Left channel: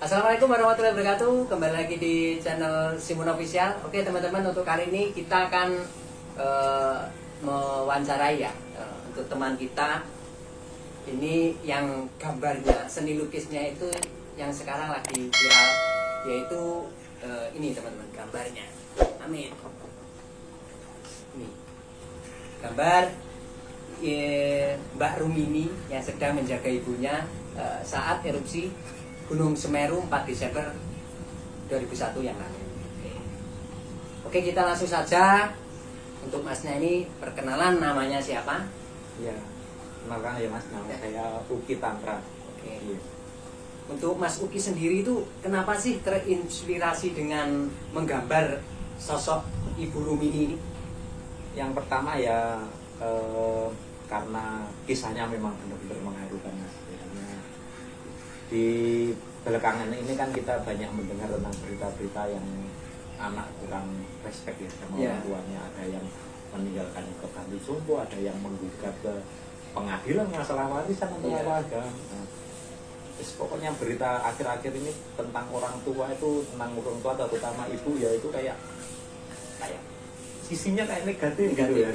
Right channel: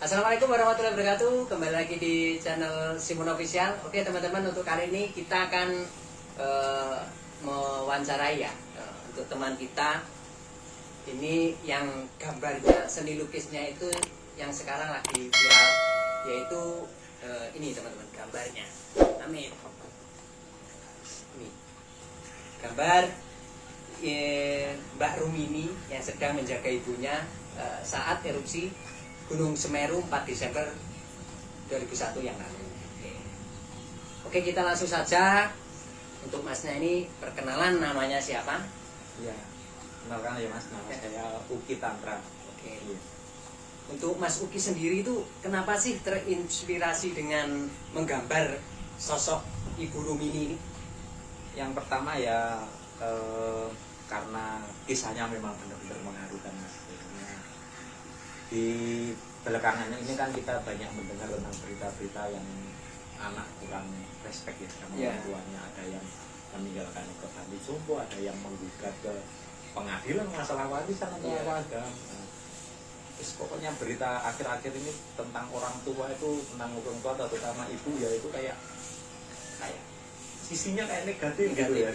Assalamualaikum warahmatullahi wabarakatuh. Kembali lagi di channel Simun Official. Oke teman-teman, untuk kali ini kita akan mewawancarai ya untuk teman kita ini yang gambarnya, seni lukisnya itu yang sekarang lagi viral, yaitu ini teman-teman gambarnya. Amin. Ini gambar Mbak Rumini yang sedang menjaga ibunya saat erupsi Gunung Semeru 4 Desember 2001 yang lalu. Oke, kita langsung saja. Untuk masnya ini perkenalan, namanya siapa? Iya, kenalkan ya mas, nama saya Uki Tantra. Oke. Iya. Untuk Mas Uki sendiri itu kenapa sih terinspirasi dengan menggambar sosok Ibu Rumini ini? Yang pertama ya karena kisahnya memang benar-benar mengharukan mas. Di belakangan ini kan kita banyak mendengar tentang berita-berita yang anak kurang respect ya sama orang tuanya. Ada yang meninggalkan ikut ambil sumpah, ada yang menggugat ke pengadilan masalah warisan atau apa. Nah, terus pokoknya berita akhir-akhir ini tentang orang tua itu, tentang orang tua terutama ibu ya, itu kayak sisinya kayak negatif gitu ya.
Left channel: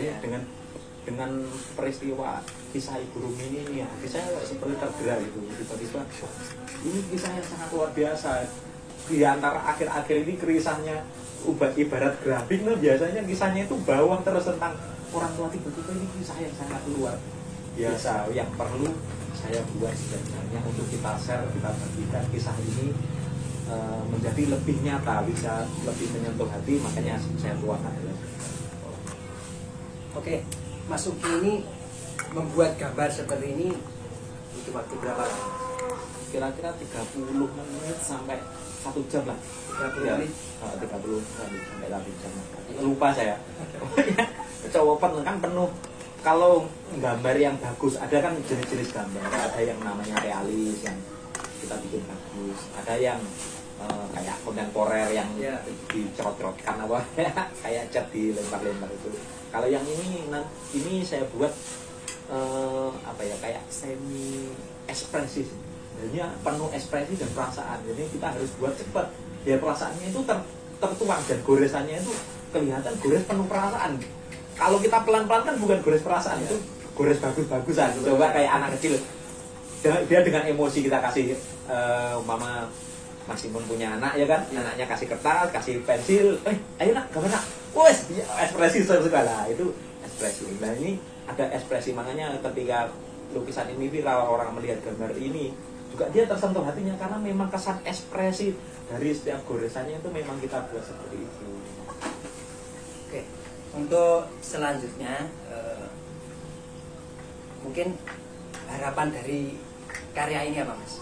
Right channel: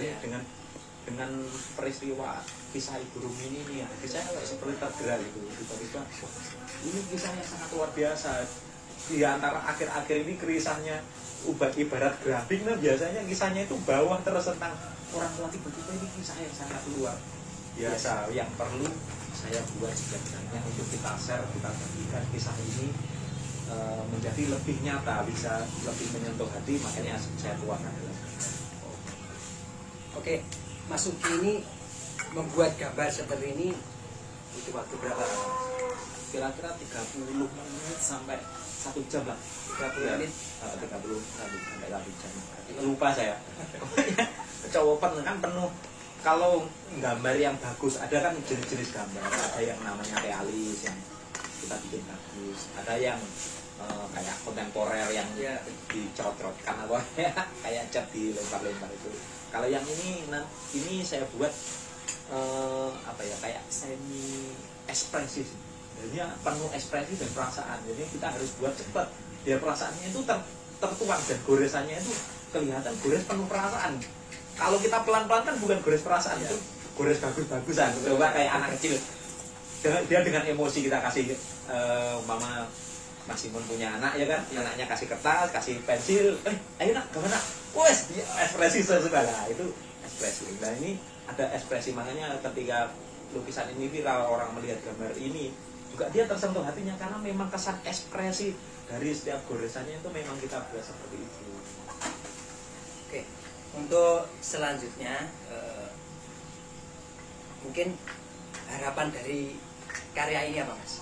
Dengan peristiwa kisah Ibu Rumini ini ya, saya seperti tergerak gitu. Tiba-tiba ini kisah yang sangat luar biasa. Di antara akhir-akhir ini kisahnya ibarat grafik, nah biasanya kisahnya itu bawang terus tentang orang tua. Tiba-tiba ini kisah yang sangat luar biasa yang perlu saya buat sebenarnya untuk kita share, kita bagikan kisah ini menjadi lebih nyata, bisa lebih menyentuh hati. Makanya saya tuangkan dalam. Oke, Mas Uki ini membuat gambar seperti ini butuh waktu berapa lama? Kira-kira 30 menit sampai 1 jam lah. 30 menit? 30 sampai 1 jam. Lupa saya. Kecowokan kan penuh. Kalau gambar yang bagus, ada kan jenis-jenis gambar. Ada yang namanya realis, yang kita bikin bagus. Ada yang kayak kontemporer yang dicerot-cerotkan apa kayak cat dilempar-lempar itu. Kalau yang ini saya buat kayak semi ekspresif. Jadi penuh ekspresi dan perasaan. Jadi kita harus buat cepat. Biar perasaannya itu tertuang dan goresannya itu kelihatan gores penuh perasaan. Kalau kita pelan-pelan kan bukan gores perasaan, itu gores bagus-bagusan. Coba kayak anak kecil. Dia dengan emosi kita kasih mama Mas Simon punya anak ya kan, anaknya kasih kertas, kasih pensil, ayo nak gambar nak, wes ekspresi segala itu ekspresi. Nah ini ada ekspresi, makanya ketika lukisan ini viral, orang melihat gambar ini juga dia tersentuh hatinya karena memang kesan ekspresi dari setiap goresannya itu memang kita buat seperti itu. Oke, untuk selanjutnya mungkin harapan dari karya ini apa Mas?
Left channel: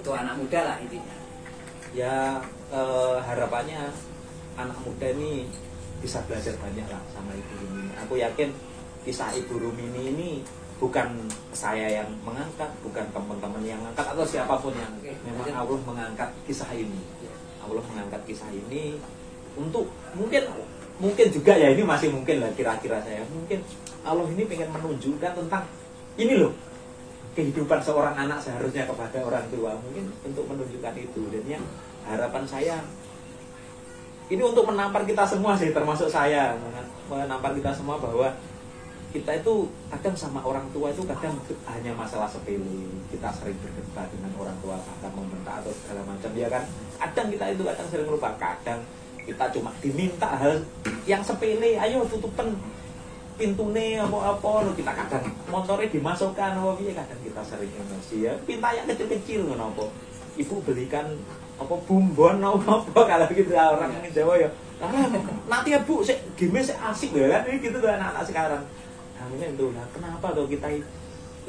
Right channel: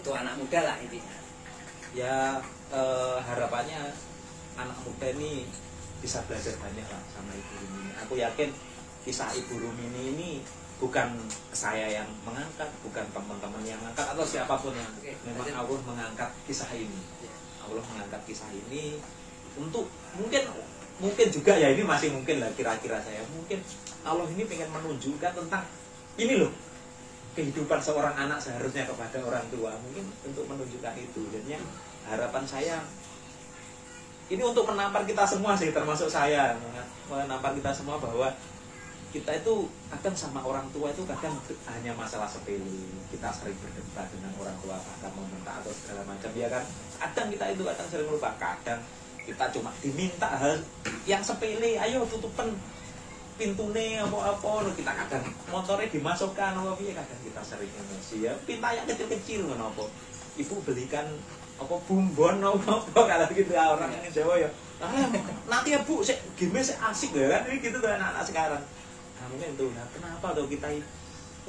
Untuk anak muda lah intinya. Ya harapannya anak muda ini bisa belajar banyak lah sama Ibu Rumini. Aku yakin kisah Ibu Rumini ini bukan saya yang mengangkat, bukan teman-teman yang mengangkat atau siapapun yang memang Allah mengangkat kisah ini. Allah mengangkat kisah ini untuk mungkin juga ya, ini masih mungkin lah kira-kira saya, mungkin Allah ini pengen menunjukkan tentang ini loh, kehidupan seorang anak seharusnya kepada orang tua, mungkin untuk menunjukkan itu. Jadinya harapan saya ini untuk menampar kita semua sih, termasuk saya, menampar kita semua bahwa kita itu kadang sama orang tua itu kadang hanya masalah sepele. Kita sering berdebat dengan orang tua, kadang membentak atau segala macam ya kan. Kadang kita itu kadang sering lupa, kadang kita cuma diminta hal yang sepele, ayo tutupan pintune apa-apa, kita kadang motornya dimasukkan apa piye, kadang kita sering emosi ya, pintanya kecil-kecil kenapa ibu belikan apa bumbon apa kalau gitu orang ini Jawa ya, nanti ya bu game asik ya kan, ini gitu tuh anak-anak sekarang. Namanya itu, nah kenapa loh kita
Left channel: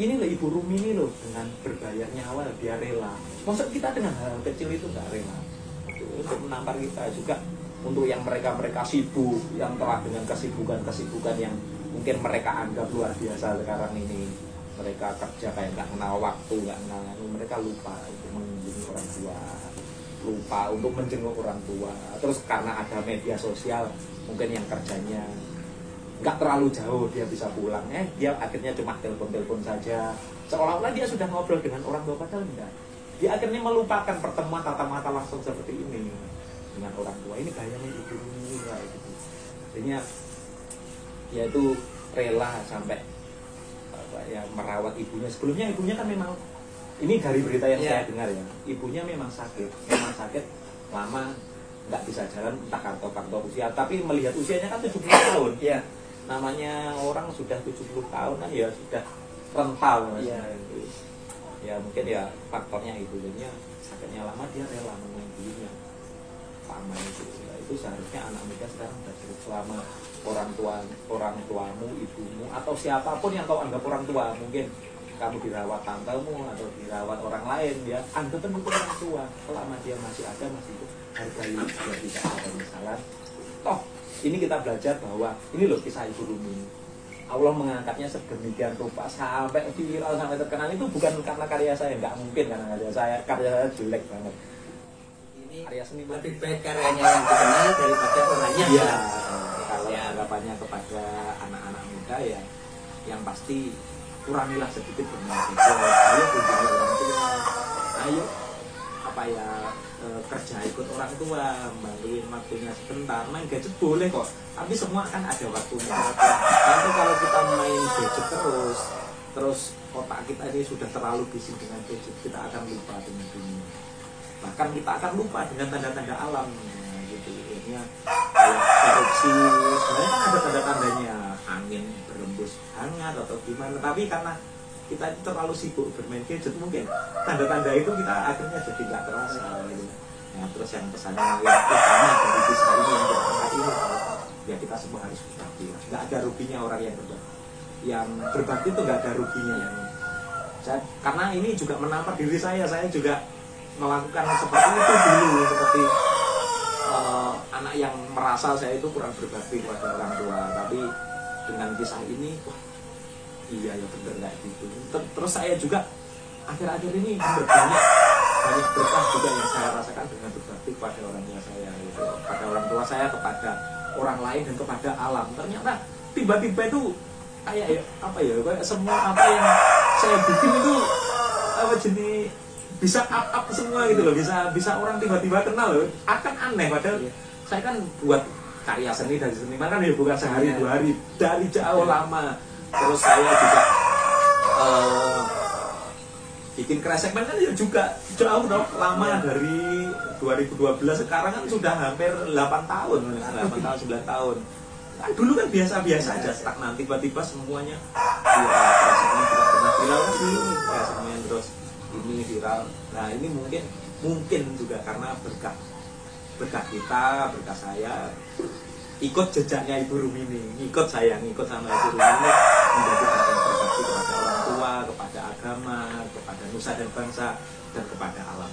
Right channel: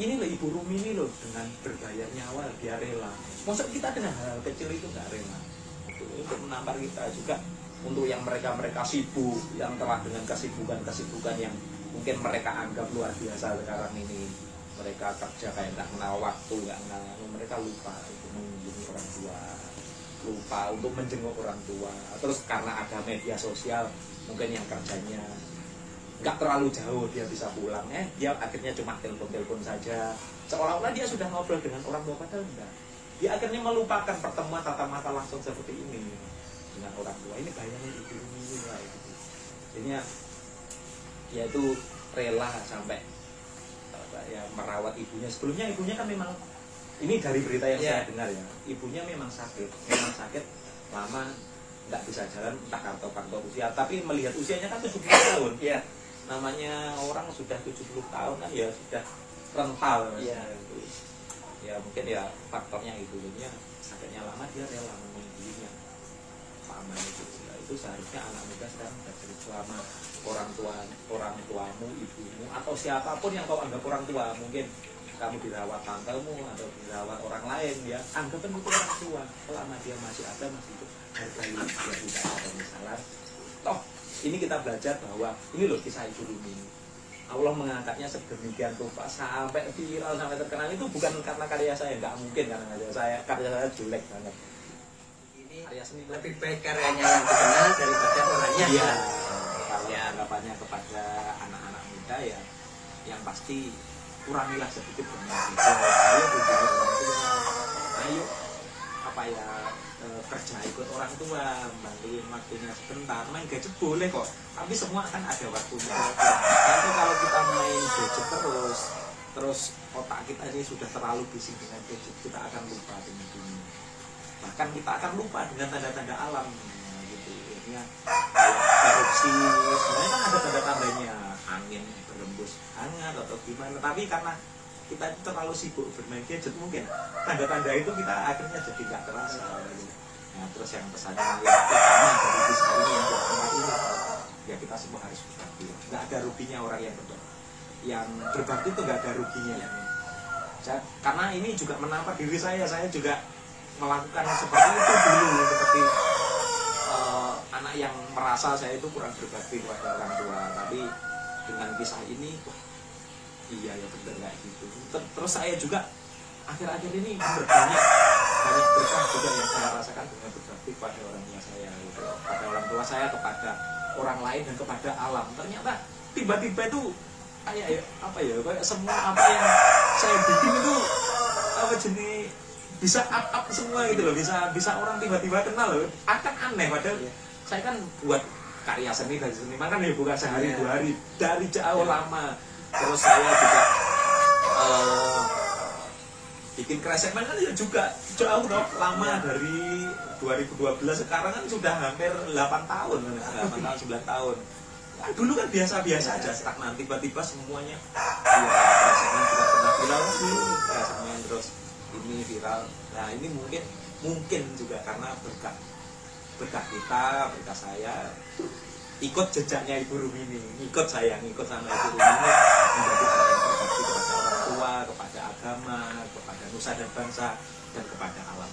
ini loh Ibu Rumini loh dengan berbayar nyawa dia rela, masa kita dengan hal kecil itu nggak rela. Itu untuk menampar kita juga, untuk yang mereka sibuk, yang telah dengan kesibukan yang mungkin mereka anggap luar biasa sekarang ini, mereka kerja kayak nggak kenal waktu, nggak kenal, mereka lupa untuk mengunjungi orang tua, lupa untuk menjenguk orang tua. Terus karena ada media sosial, mungkin yang kerjanya nggak terlalu jauh dia bisa pulang, dia akhirnya cuma telepon saja, seolah-olah dia sudah ngobrol dengan orang tua, padahal enggak. Dia akhirnya melupakan pertemuan tatap mata langsung seperti ini dengan orang tua. Ini bayangin ibu ini lah gitu. Jadinya dia itu rela sampai ya merawat ibunya. Sebelumnya ibunya kan memang, ini dari berita yang saya dengar ya, ibunya memang sakit lama, nggak bisa jalan, entah faktor usia, tapi melihat usianya kan 70 tahun. Iya. Namanya orang sudah 70 tahun kan ya sudah rental. Iya. Ya mungkin ya faktornya itu, jadinya sakitnya lama, dia rela menunggunya lama itu. Nah, itu seharusnya anak muda sekarang sudah cerita, selama orang tuamu, ibumu atau siapapun yang kau anggap orang tua, mungkin kamu dirawat tantemu atau dirawat orang lain, ya anggap itu orang tua. Selama dia masih ada, masih hidup, hargai dia, tidak ada masalah. Toh ini kita belajar bahwa ini loh kisah Ibu Rumi. Allah mengangkatnya sedemikian rupa sampai viral, sampai terkenal, itu bukan karena karya saya, nggak mungkin karena karya saya jelek banget. Ini karya seni lebih baik karyanya yang dikenal daripada orangnya. Iya. Kalau anggapannya kepada anak-anak muda ya, yang pasti kurangilah sedikit bermain. Ayo kunjungi orang tua, ayo kerja ikut orang tua, bantuin waktunya sebentar. Main gadget boleh kok, tapi semua kan ada waktunya. Nanti kalau kita main gadget terus otak kita ini sudah terlalu bising dengan gadget, kita akan lupa dengan dunia. Bahkan kita akan lupa dengan tanda-tanda alam. Gitu. Akhirnya erupsi, sebenarnya kan ada tanda-tandanya, angin berembus hangat atau gimana. Tapi karena kita itu terlalu sibuk bermain gadget, mungkin tanda-tanda itu kita akhirnya jadi nggak terasa. Nah, terus yang pesannya yang utama dari kisah ini yang diangkat ini, ya kita semua harus berbakti. Nggak ada ruginya orang yang berbakti. Yang berbakti itu nggak ada ruginya. Karena ini juga menampar diri saya juga melakukan seperti itu dulu, seperti anak yang merasa saya itu kurang berbakti kepada orang tua. Tapi dengan kisah ini, iya ya benar kayak gitu. Terus saya juga akhir-akhir ini banyak berkah juga yang saya rasakan dengan berbakti kepada orangnya saya, gitu. Kepada orang tua saya, kepada orang lain dan kepada alam. Ternyata tiba-tiba itu kayak semua apa yang saya bikin itu jenis bisa up semua gitu loh, bisa orang tiba-tiba kenal loh. Akan aneh padahal saya kan buat karya seni dan seniman kan ya bukan sehari dua hari, dari jauh lama. Terus saya juga bikin kresekmen kan ya juga jauh dong, lama, dari 2012, sekarang kan sudah hampir 8 tahun 9 tahun. Kan dulu kan biasa-biasa aja, stagnan, tiba-tiba semuanya kresekmen sudah pernah viral kan dulu nih, kresekmen terus ini viral. Nah ini mungkin juga karena berkah kita, berkah saya, ikut jejaknya Ibu Rumini, ikut sama Ibu Rumini menjadi orang yang berbakti kepada orang tua, kepada agama, kepada nusa dan bangsa, dan kepada alam.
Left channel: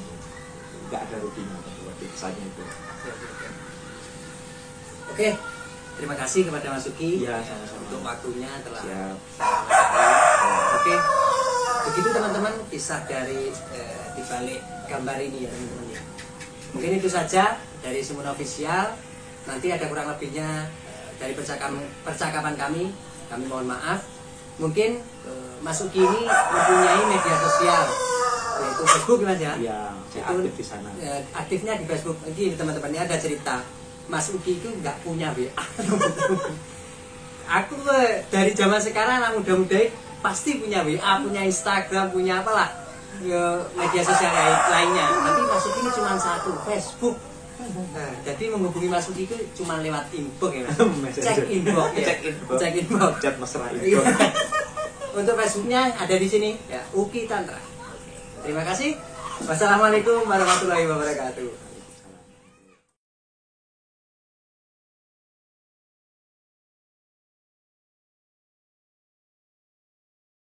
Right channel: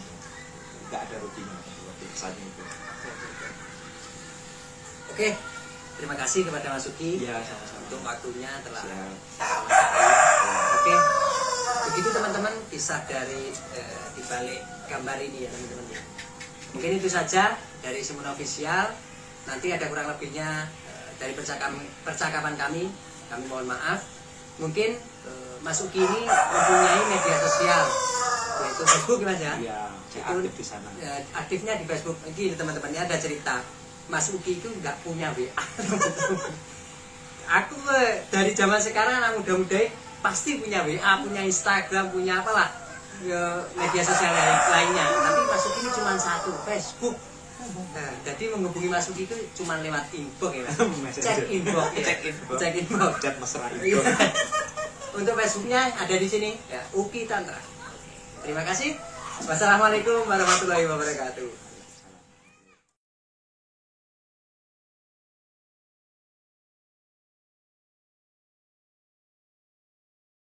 Nggak ada ruginya buat kisahnya itu. Oke, terima kasih kepada Mas Uki untuk waktunya telah Oke, begitu teman-teman kisah dari dibalik gambar ini ya teman-teman ya. Mungkin itu saja dari Sumun Official. Nanti ada kurang lebihnya dari percakapan kami mohon maaf. Mungkin Mas Uki ini mempunyai media sosial yaitu Facebook Mas ya. Iya, itu aktif di sana. Aktifnya di Facebook. Ini teman-teman, ini ada cerita. Mas Uki itu nggak punya WA. Aku dari zaman sekarang anak muda-muda pasti punya WA, punya Instagram, punya apalah media sosial lainnya. Tapi Mas Uki ini cuma satu, Facebook. Nah, jadi menghubungi Mas Uki itu cuma lewat inbox ya Mas. Cek inbox. Chat mesra inbox. Untuk Facebooknya ada di sini ya, Uki Tantra. Terima kasih. Wassalamualaikum warahmatullahi wabarakatuh.